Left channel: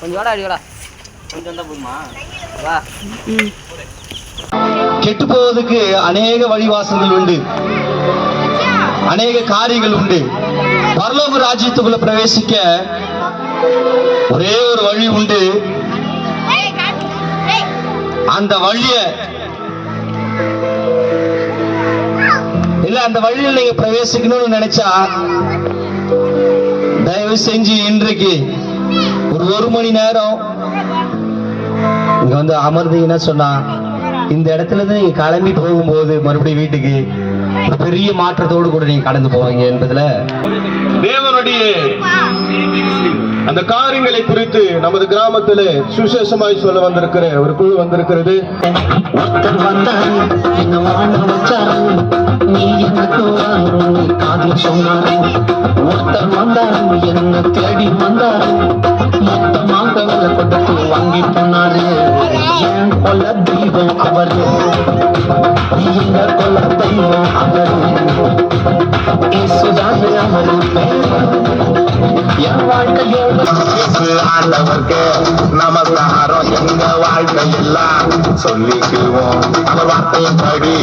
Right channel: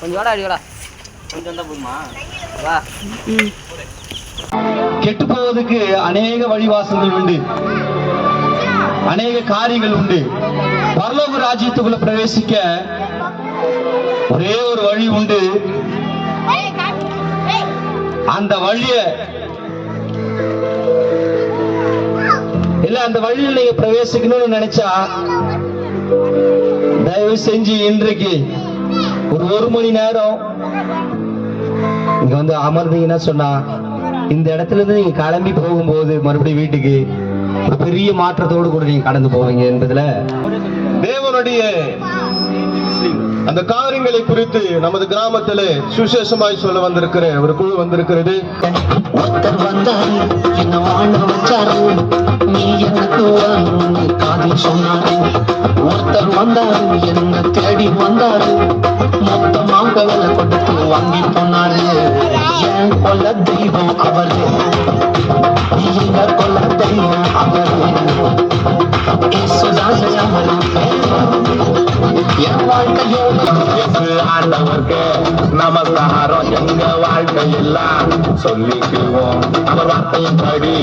கொஞ்சம் வாடா அடிக்கடா கொஞ்சம் தான் போதுமா வா. கெட்டு போவதற்கு அநேக வழிவாசல்கள் உண்டு, அநேக காரியங்கள் உண்டு. பரலோக ராஜ்யத்துக்குள்ள பிரவேசிக்க ஒரே ஒரு வழி உண்டு. அந்த வழிய இல்ல, அந்த வழியில் நீங்க பிரவேசிக்கணும்னு நினைச்சா தயவு செஞ்சு இன்றைக்கு ஒரு மணி நேரம் இங்க வந்து அமர்ந்தீங்கன்னா சொன்னா இந்த இடத்துல இருந்து நீங்க கிளம்பி போகும்போது மறுபடியும் வீட்டுக்கு ஒரு பெரிய மாற்றத்தோடு கூட நீங்க கடந்து போவீங்க என்பதுல தேவனுடைய அந்த காரியங்களை குறித்து நமது கிராமத்துல சுசேஷமாய் சொல்ல வந்திருக்கிற ஒரு குழு வந்திருக்கிறது. ஒருத்தர் வந்தாரு, என்ன வாழ வச்சாரு, நீ எனக்கு காதல் சொன்னாரு. ஒருத்தர் வந்தாரு, என்ன தேடி வந்தாரு, மொத்தமாக விலை கொடுத்து வாங்கி போனாரு. என் கொல்ல தெய்வம் அவரு, எங்க கொல்ல தெய்வம் அவரு, இயேசுதானே அவரு என் வாழ்க்கையோட. ஆண்டவர்க்கு நமஸ்காரம், எங்க வாழ்க்கையெல்லாம் சொல்லிக்குவோம். அவர் வார்த்தையும் படி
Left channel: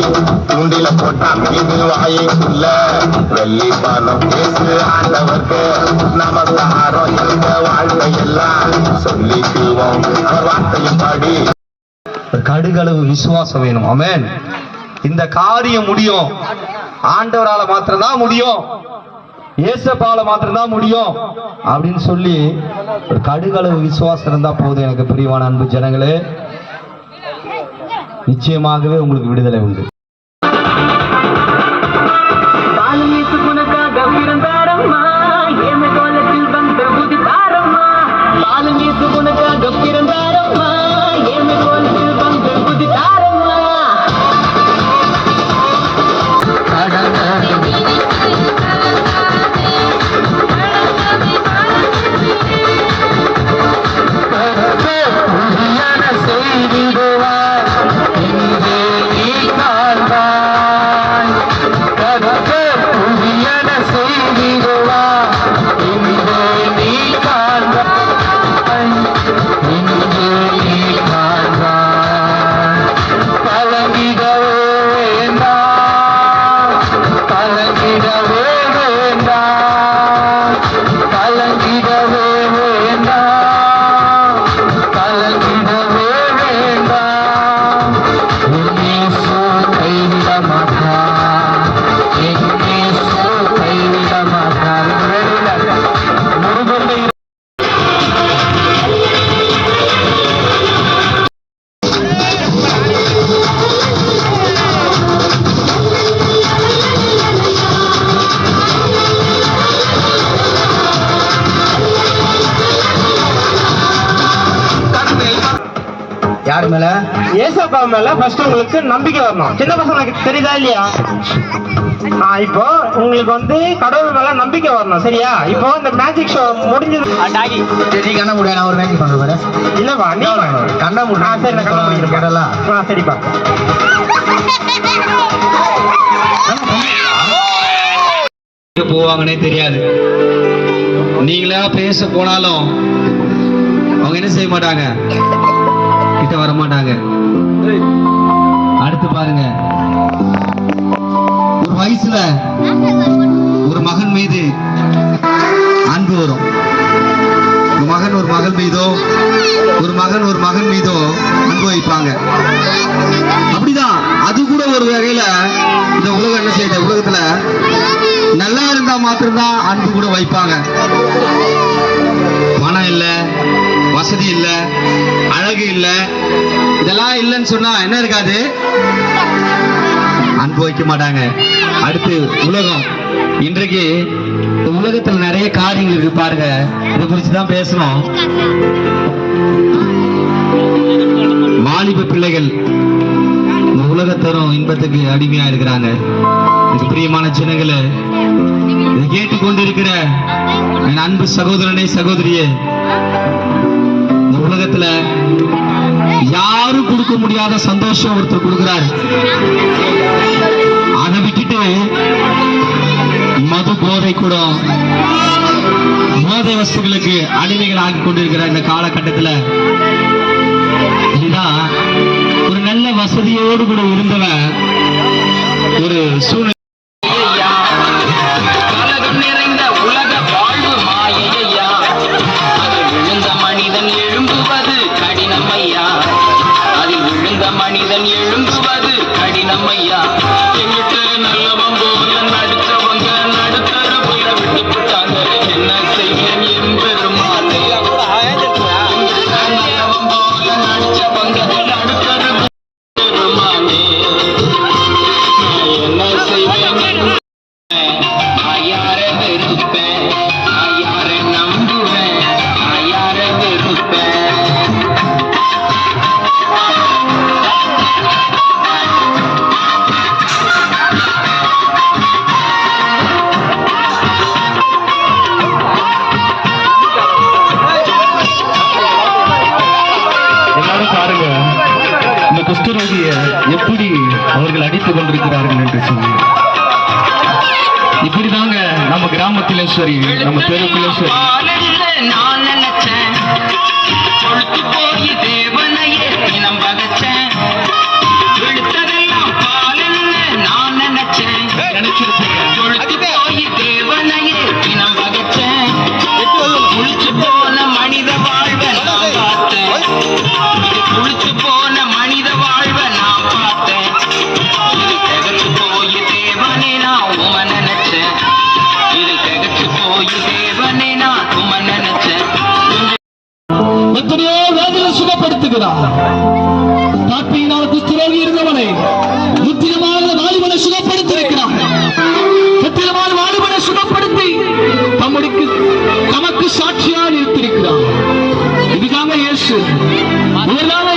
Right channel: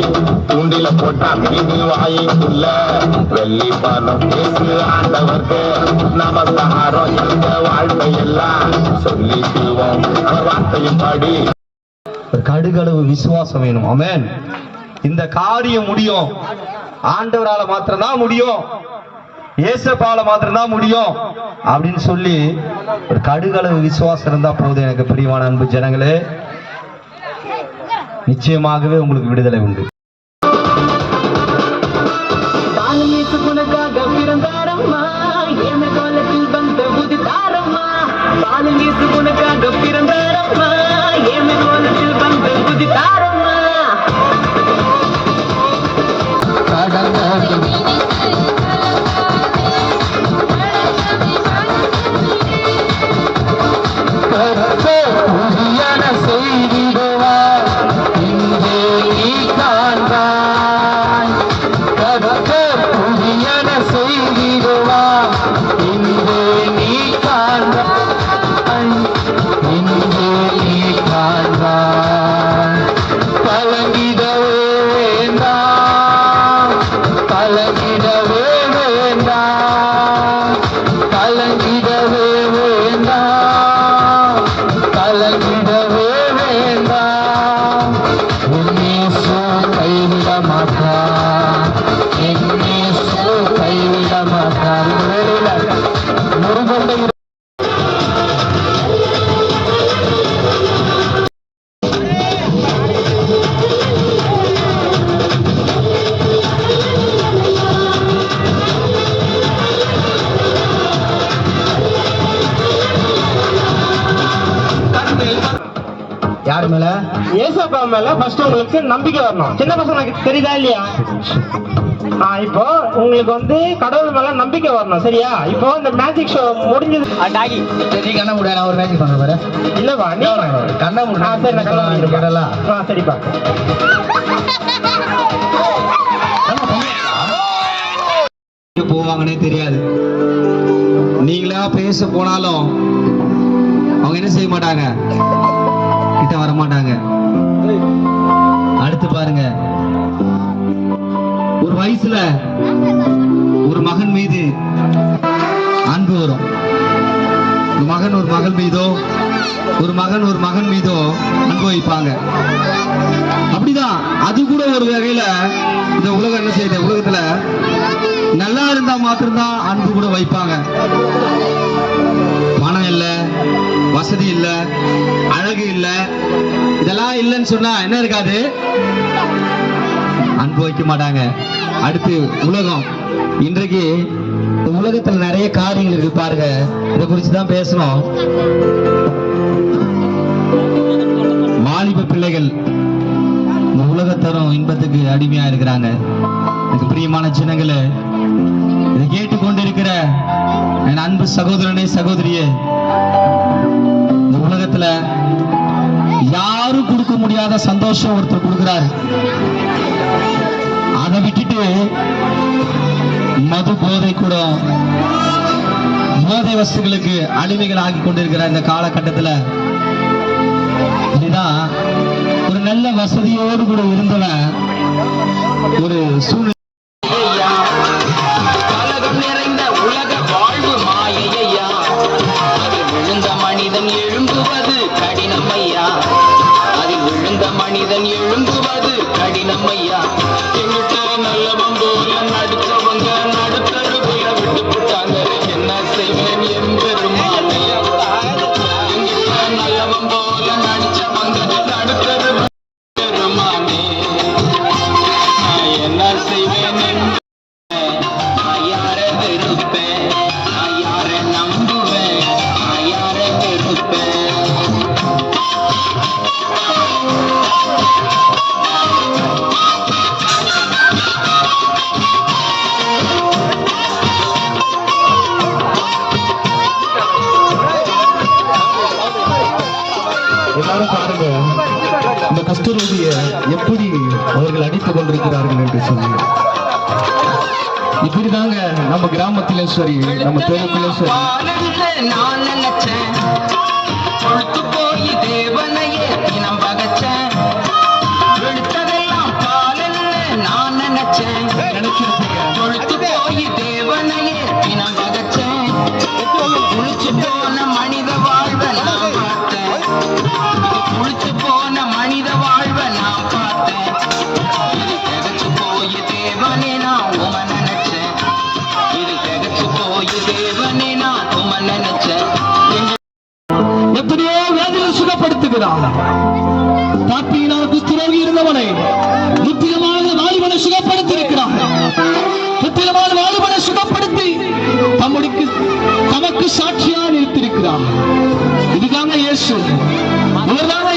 தூண்டில போட்டா மீன் வாய்க்குள்ள வெள்ளி பணம். பேசு ஆண்டவர்க்கு நமஸ்காரம், எங்க வாழ்க்கையெல்லாம் சொல்லிக்குவோம். அவர் வார்த்தையும் படி. கடுகளவு விசுவாசம் வேணும். ஆமென். இந்த காரியம் முடியும், ஆண்டவரால மாத்திரம்தான் முடியும், இயேசுபால மாத்திரம்தான் முடியும் அப்படின்னு சொல்லி ஒரு கடுகளவு விசுவாசம் இருந்தா போதும். எனக்கு பிரியமான அன்பு ஜனங்களே, நிச்சயமாகவே உங்களுக்கு விடுதலை உண்டு. யாரு மேல? ஏசப்பா மேல ஃபர்ஸ்ட் உங்களுக்கு நம்பிக்கை வரணும். சின்ன பசங்களுக்கு தெரியுதா இல்லையா? இப்போ உங்களுக்கு வந்து கடவுள் மேல நம்பிக்கை வரணும், சரியா? இப்போ இந்த மேஜிக் ஷோ முடிஞ்சது. சரி, கண்ண முடியாது, நான் ஒரு மேஜிக் பண்ற பாரு. இல்லவா நீ கண்ண முடியாது. சரி, நான் கண்ண முடிக்கிறேன். சரிப்பா. போவாங்கன்னே தெரியாது. நீங்களா பேச போனாலும் அவங்க என்ன செய்ய மாட்டாங்க, கிட்ட வர மாட்டாங்க. அடுத்து பாருங்க, ஒரு வயசுல ஒரு மகன் மீது அன்பு வரும். ஒரு மகன் ஒரு மகள் மீதோ, ஒரு மகன் ஒரு மகன் மீதோ அன்பு வைப்பாங்க. அப்படிதான் அது கூட ஒரு வகையில இந்த உலகம் என்ன செய்யுது, உலகத்துல நல்லா இருந்தா மாத்திரம்தான் அன்பு கூட வைப்பாங்க. பணம் இல்ல, வசதி இல்ல, அழகு இல்ல, இதெல்லாம் இல்லைன்னு சொன்னா என்ன இருக்காது, அன்பு வைக்க மாட்டாங்க. அடுத்து உலகம். இன்றைக்கு இந்த உலகத்துல நிறைய காரியங்கள் இருக்கு பாருங்க, இதை குறிச்சுதான் பேசணும். வாலிப பிள்ளைகள் இந்த உலகத்தரும் இன்பத்துக்கு அடிமையா இருக்கிறாங்க. இது பிரியமான சின்னங்களே, இதை கேட்டுக்கொண்டிருக்கிற என் அன்பு சகோதரனே சகோதரியே, இந்த உலகத்துல யாரும் கொடுக்க முடியாத சந்தோஷம் ஒருத்தர் கொடுக்கிறாரு. அதை விட்டுட்டு வஸ்துகளுக்கு அடிமைகள் ஆகி கொண்டிருக்கிற இந்த காலகட்டத்துல இதுதான் ஒரு நல்ல வசதியோடு கூட இருந்தவன் ஒரு சூழ்நிலை கலகம் நிறைந்த உலக வாழ்வு மாயையா, அதில் விழுந்த மனிதன் எழும்புவது கடினமையா, அதில் விழுந்த மனிதன் எழும்புவது கடினமையா. எங்கிட்ட நல்லவன் போல நடிச்சவங்க நடுத்தர போய் விட்டு போட்டாங்க, என்ன செய்வேன் என்பெருமானே. நல்லவன் போல நடிச்சவங்க நடுத்தர பெருமானே, நான் என்ன செய்வேன்? நான் யாரை வெறுப்பேன், நான் யாரை நம்புவேன், நான் யாரை வெறுப்பேன். எல்லாரும் பாருங்க இந்த குஷ்டரோகிய எப்படி அவர்கள் அடித்துக் கொண்டிருக்கிறார்கள் என்று சொல்லி. இப்படிதாங்க நம்ம கிராமத்திலும் சரி நம்ம தெருக்கிலும் சரி பாலல்ல நான் நினைச்சேன், கொழுத்து போய் தேவனையே தினம் பகச்சேன். வெளுத்ததெல்லாம் பாலல்ல நான் நினைச்சேன், நினைச்சிருப்பீங்க. கொழுத்து போய் தேவனையே தினம் பகச்சேன். குளிச்சு போன மனித வாழ்வை நான் பார்த்தேன், இது குளிச்சு போன மனித வாழ்வை நான் பார்த்தேன். இது திகச்சு போய் தேவனே நான் உம நினைச்சேன், இது திகச்சு போய் தேவனே நான் உம நினைச்சேன். எத்தனையோ வேதனை சுகப்படுத்துகிறார். பாப்பியினால் குஷ்டரோகி இருந்தவனை முத்திரமான வாலிபனை சுகப்படுத்தியிருக்கிறார். முத்திரமான வாலிபனை சுகப்படுத்தி தமக்கு சாட்சியாக நிறுத்தியிருக்கிறார். இதுதாங்க இயேசு. இவர்தாங்க